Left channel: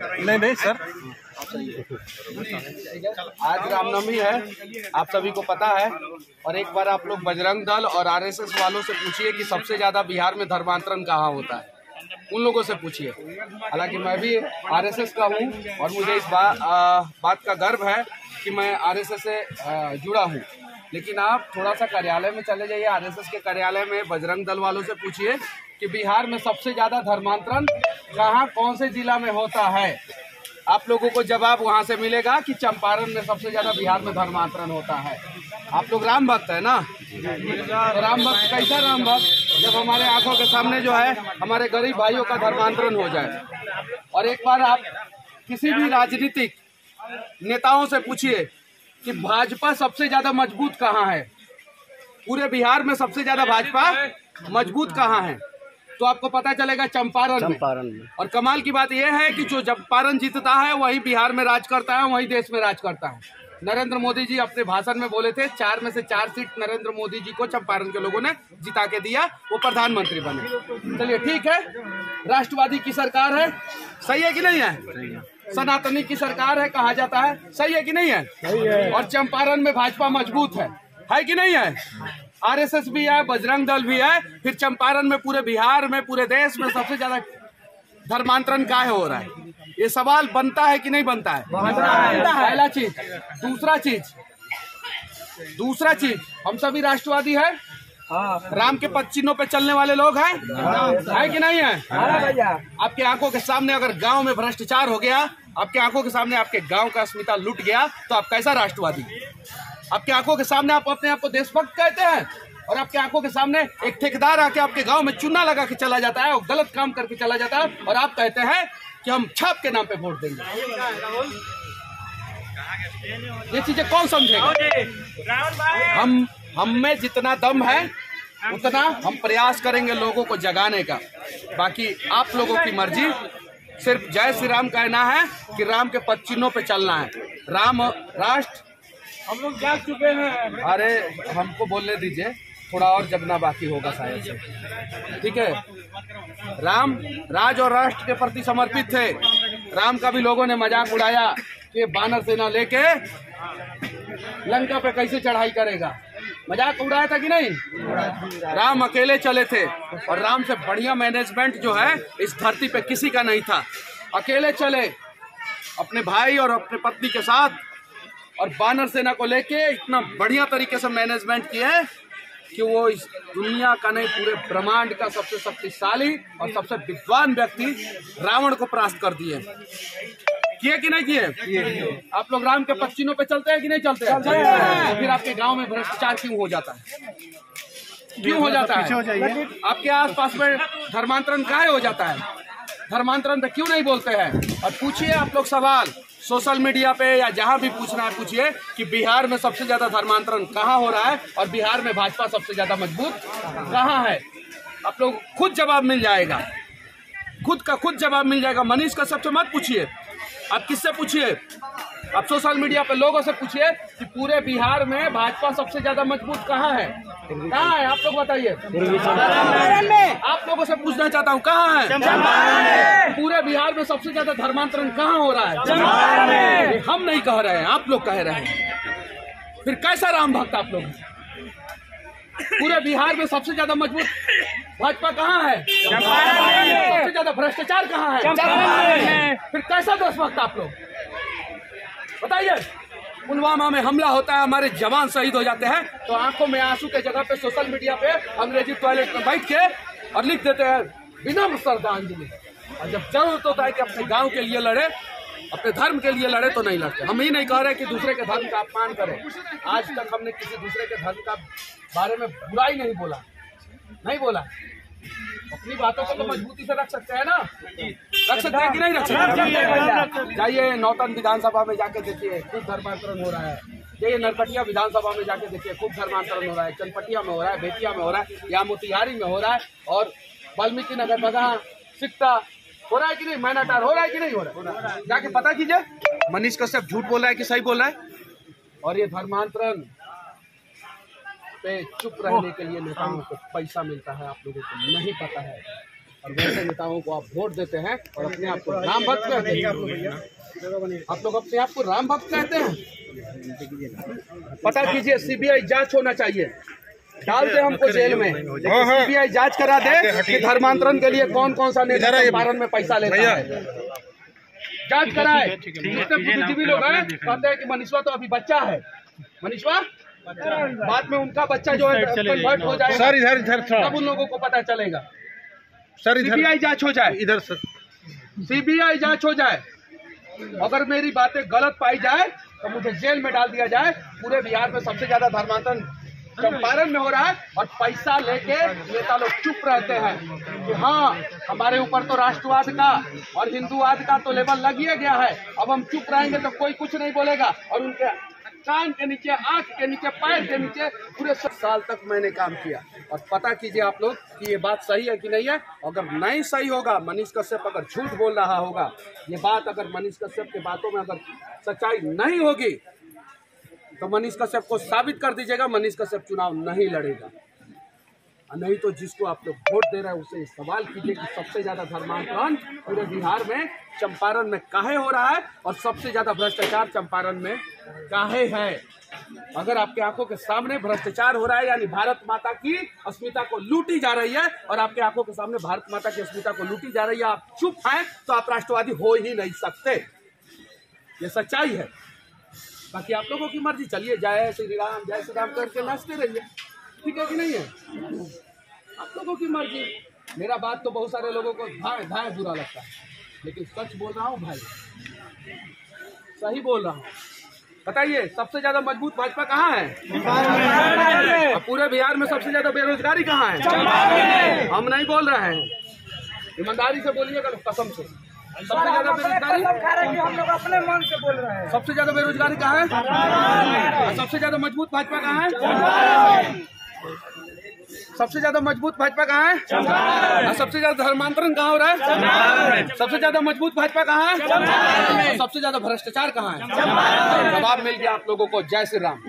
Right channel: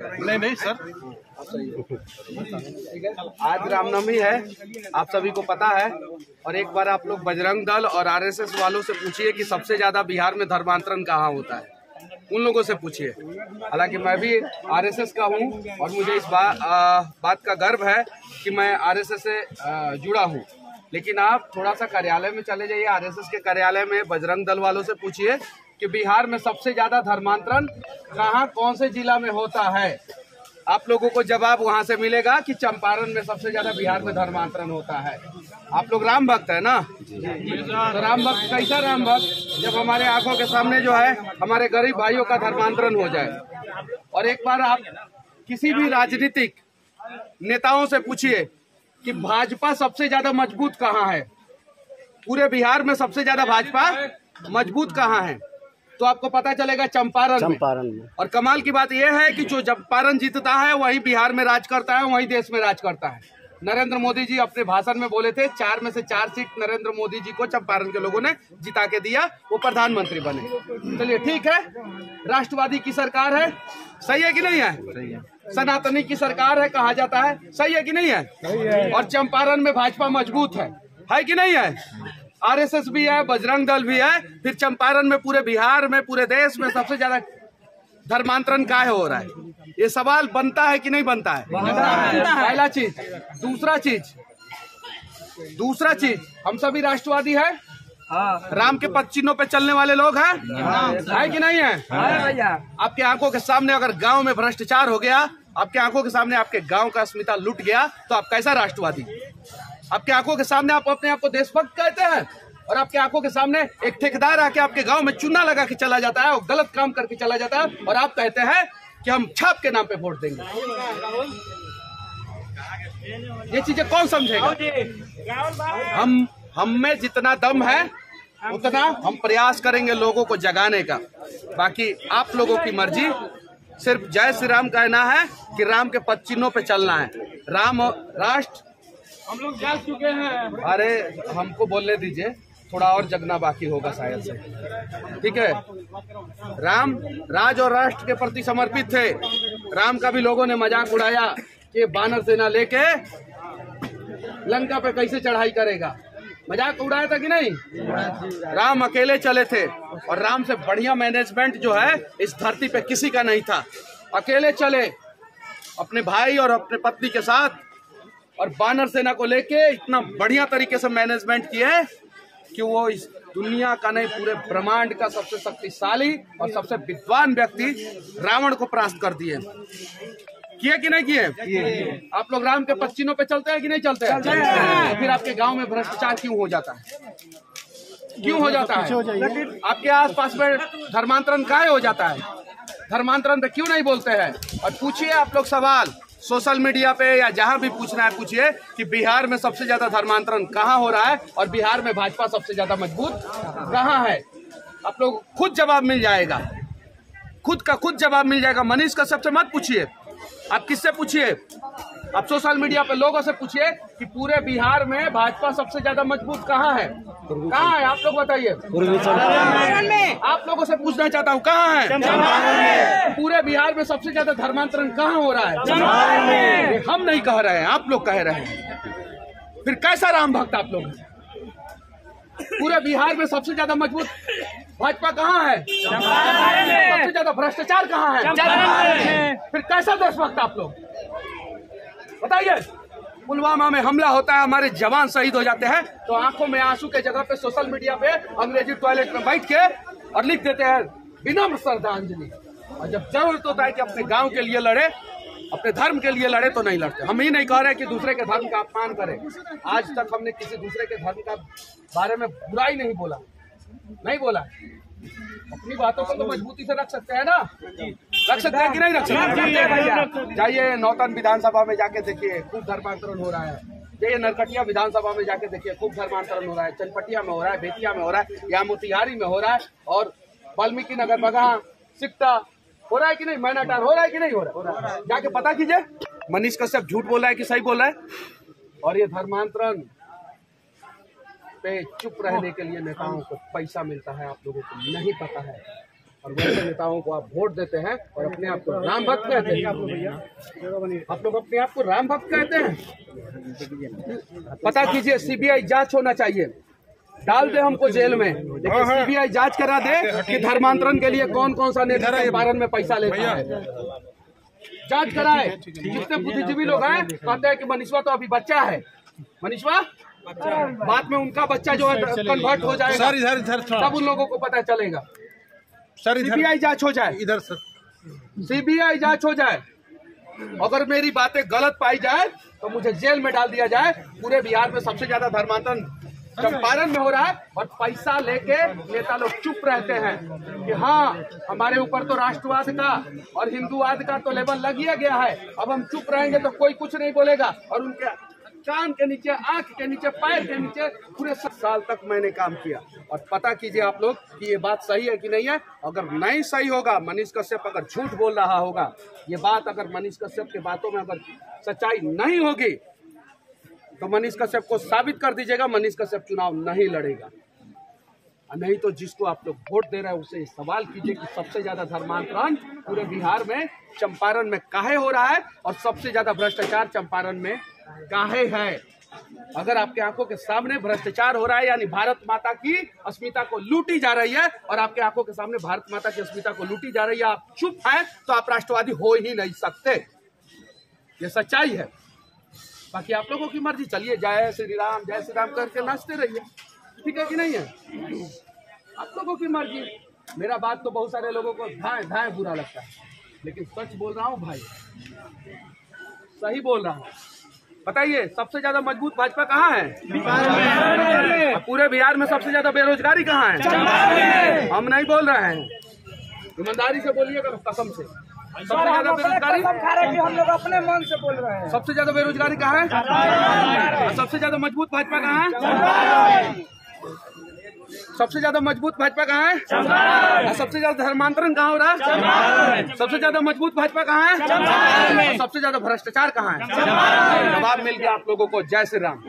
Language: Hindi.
नहीं सर। आज रामनवमी है, आप सभी को पता है। और एक बार आप लोग बजरंग दल और आरएसएस वालों से पूछिए कि सबसे ज्यादा बिहार में धर्मांतरण कहाँ होता है, उन लोगों से पूछिए। हालांकि मैं भी आरएसएस का हूँ और मुझे इस बात का गर्व है कि मैं आरएसएस से जुड़ा हूँ। लेकिन आप थोड़ा सा कार्यालय में चले जाइए, आरएसएस के कार्यालय में बजरंग दल वालों से पूछिए कि बिहार में सबसे ज्यादा धर्मांतरण कहाँ कौन से जिला में होता है। आप लोगों को जवाब वहां से मिलेगा कि चंपारण में सबसे ज्यादा बिहार में धर्मांतरण होता है। आप लोग राम भक्त है ना, तो राम भक्त कैसा राम भक्त जब हमारे आंखों के सामने जो है हमारे गरीब भाइयों का धर्मांतरण हो जाए। और एक बार आप किसी भी राजनीतिक नेताओं से पूछिए कि भाजपा सबसे ज्यादा मजबूत कहाँ है, पूरे बिहार में सबसे ज्यादा भाजपा मजबूत कहाँ है, तो आपको पता चलेगा चंपारण में। और कमाल की बात यह है कि जो चंपारण जीतता है वही बिहार में राज करता है, वही देश में राज करता है। नरेंद्र मोदी जी अपने भाषण में बोले थे 4 में से 4 सीट नरेंद्र मोदी जी को चंपारण के लोगों ने जिता के दिया, वो प्रधानमंत्री बने। चलिए ठीक है, राष्ट्रवादी की सरकार है, सही है कि नहीं है? सनातनी की सरकार है कहा जाता है, सही है कि नहीं है? और चंपारण में भाजपा मजबूत है कि नहीं है? आरएसएस भी है, बजरंग दल भी है। फिर चंपारण में, पूरे बिहार में, पूरे देश में सबसे ज्यादा धर्मांतरण काहे हो रहा है, ये सवाल बनता है कि नहीं बनता है? पहला चीज। दूसरा चीज, हम सभी राष्ट्रवादी है, राम के पद चिन्हों पे चलने वाले लोग हैं, है कि नहीं है? आपके आंखों के सामने अगर गांव में भ्रष्टाचार हो गया, आपके आंखों के सामने आपके गांव का अस्मिता लुट गया, तो आप कैसा राष्ट्रवादी? आपके आंखों के सामने आप अपने आप को देशभक्त कहते हैं, और आपके आंखों के सामने एक ठेकेदार आके आपके गांव में चूना लगा के चला जाता है और गलत काम करके चला जाता है, और आप कहते हैं कि हम छाप के नाम पे वोट देंगे। ये चीजें कौन समझेगा? हम में जितना दम है उतना हम प्रयास करेंगे लोगों को जगाने का। बाकी आप लोगों की मर्जी। सिर्फ जय श्री राम कहना है कि राम के पद चिन्हों पे चलना है। राम राष्ट्र हम लोग जाग चुके हैं। अरे हमको बोलने दीजिए, थोड़ा और जगना बाकी होगा शायद से, ठीक है? राम राज और राष्ट्र के प्रति समर्पित थे। राम का भी लोगों ने मजाक उड़ाया कि बानर सेना लेके लंका पे कैसे चढ़ाई करेगा, मजाक उड़ाया था कि नहीं? राम अकेले चले थे, और राम से बढ़िया मैनेजमेंट जो है इस धरती पे किसी का नहीं था। अकेले चले अपने भाई और अपने पत्नी के साथ, और बानर सेना को लेके इतना बढ़िया तरीके से मैनेजमेंट किए कि वो इस दुनिया का नहीं, पूरे ब्रह्मांड का सबसे शक्तिशाली और सबसे विद्वान व्यक्ति रावण को परास्त कर दिए। किए कि नहीं किए? आप लोग राम के पद चिन्हों पे चलते हैं कि नहीं चलते हैं? तो फिर आपके गांव में भ्रष्टाचार क्यों हो जाता है? क्यों हो जाता है? आपके आसपास में धर्मांतरण काहे हो जाता है? धर्मांतरण पे क्यों नहीं बोलते हैं? और पूछिए आप लोग सवाल सोशल मीडिया पे या जहां भी पूछना है पूछिए कि बिहार में सबसे ज्यादा धर्मांतरण कहां हो रहा है और बिहार में भाजपा सबसे ज्यादा मजबूत कहां है। आप लोग खुद जवाब मिल जाएगा, खुद का खुद जवाब मिल जाएगा। मनीष का सबसे मत पूछिए, आप किससे पूछिए? आप सोशल मीडिया पे लोगों से पूछिए कि पूरे बिहार में भाजपा सबसे ज्यादा मजबूत कहाँ है? कहाँ है आप लोग बताइए? आप लोगों से पूछना चाहता हूँ, कहाँ है? पूरे बिहार में सबसे ज्यादा धर्मांतरण कहाँ हो रहा है? ये हम नहीं कह रहे हैं, आप लोग कह रहे हैं। फिर कैसा राम भक्त आप लोग? पूरे बिहार में सबसे ज्यादा मजबूत भाजपा कहाँ है? सबसे ज्यादा भ्रष्टाचार कहाँ है? फिर कैसा देशभक्त आप लोग बताइए? पुलवामा में हमला होता है, हमारे जवान शहीद हो जाते हैं, तो आंखों में आंसू के जगह पे सोशल मीडिया पे अंग्रेजी टॉयलेट में बैठ के और लिख देते हैं विनम्र श्रद्धांजलि। और जब जरूरत होता है कि अपने गांव के लिए लड़े, अपने धर्म के लिए लड़े, तो नहीं लड़ते। हम ही नहीं कह रहे कि दूसरे के धर्म का अपमान करें। आज तक हमने किसी दूसरे के धर्म का बारे में बुराई नहीं बोला। अपनी बातों को तो मजबूती से रख सकते हैं ना, रख सकते हैं कि नहीं रख सकते? जाइए नौतन विधानसभा में जाके देखिए, खूब धर्मांतरण हो रहा है। जाइए नरकटिया विधानसभा में जाके देखिए, खूब धर्मांतरण हो रहा है। चनपटिया में हो रहा है, बेतिया में हो रहा है, यहाँ मोतिहारी में हो रहा है, और वाल्मीकि नगर, बगहा, सिकटा हो रहा है कि नहीं? मैनाटार हो रहा है कि नहीं हो रहा है? जाके पता कीजिए। मनीष कश्यप झूठ बोल रहा है कि सही बोल रहा है? और ये धर्मांतरण पे चुप रहने के लिए नेताओं को पैसा मिलता है, आप लोगों को नहीं पता है। और वैसे नेताओं को आप वोट देते हैं और अपने आप को राम भक्त कहते हैं। आप लोग अपने आप को राम भक्त कहते हैं। पता कीजिए, सीबीआई जांच होना चाहिए, डाल दे हमको जेल में, लेकिन सीबीआई जांच करा दे कि धर्मांतरण के लिए कौन कौन सा नेता चंपारण में पैसा लेता है। जांच कराए। जितने बुद्धिजीवी लोग हैं कहते हैं कि मनीषवा तो अभी बच्चा है, मनीषवा बाद में उनका बच्चा जो है कन्वर्ट हो जाएगा, तब उन लोगों को पता चलेगा। सीबीआई जांच हो जाए, इधर सीबीआई जांच हो जाए। अगर मेरी बातें गलत पाई जाए तो मुझे जेल में डाल दिया जाए। पूरे बिहार में सबसे ज्यादा धर्मांतरण चंपारण में हो रहा है और पैसा लेके नेता लोग चुप रहते हैं कि हाँ हमारे ऊपर तो राष्ट्रवाद का और हिंदूवाद का तो लेबल लग ही गया है, अब हम चुप रहेंगे तो कोई कुछ नहीं बोलेगा। और उनके कान के नीचे, आंख के नीचे, पैर के नीचे पूरे 7 साल तक मैंने काम किया। और पता कीजिए आप लोग कि ये बात सही है कि नहीं है। अगर नहीं सही होगा, मनीष कश्यप अगर झूठ बोल रहा होगा, ये बात अगर मनीष कश्यप की बातों में अगर सच्चाई नहीं होगी तो मनीष कश्यप को साबित कर दीजिएगा, मनीष कश्यप चुनाव नहीं लड़ेगा। नहीं तो जिसको आप लोग वोट दे रहे हैं उससे सवाल कीजिए कि सबसे ज्यादा धर्मांतरण पूरे बिहार में चंपारण में काहे हो रहा है और सबसे ज्यादा भ्रष्टाचार चंपारण में काहे है। अगर आपके आंखों के सामने भ्रष्टाचार हो रहा है, यानी भारत माता की अस्मिता को लूटी जा रही है, और आपके आंखों के सामने भारत माता की अस्मिता को लूटी जा रही है, आप चुप हैं तो आप राष्ट्रवादी हो ही नहीं सकते। ये सच्चाई है। बाकी आप लोगों की मर्जी, चलिए जय श्री राम करके नाचते रहिए, ठीक है कि नहीं है? आप लोगों की मर्जी। मेरा बात तो बहुत सारे लोगों को धाए धाए बुरा लगता है, लेकिन सच बोल रहा हूँ भाई, सही बोल रहा हूँ। बताइए सबसे ज्यादा मजबूत भाजपा कहाँ है? और पूरे बिहार में सबसे ज्यादा बेरोजगारी कहाँ है? हम नहीं बोल रहे हैं, ईमानदारी से बोलिएगा, कसम से। सबसे ज्यादा बेरोजगारी हम लोग अपने मन से बोल रहे हैं। सबसे ज्यादा बेरोजगारी कहाँ है? और सबसे ज्यादा मजबूत भाजपा कहाँ है? सबसे ज्यादा मजबूत भाजपा कहाँ है? और सबसे ज्यादा धर्मांतरण कहाँ हो रहा है? सबसे ज्यादा मजबूत भाजपा कहाँ है? और सबसे ज्यादा भ्रष्टाचार कहाँ है? जवाब मिल गया आप लोगों को। जय श्री राम।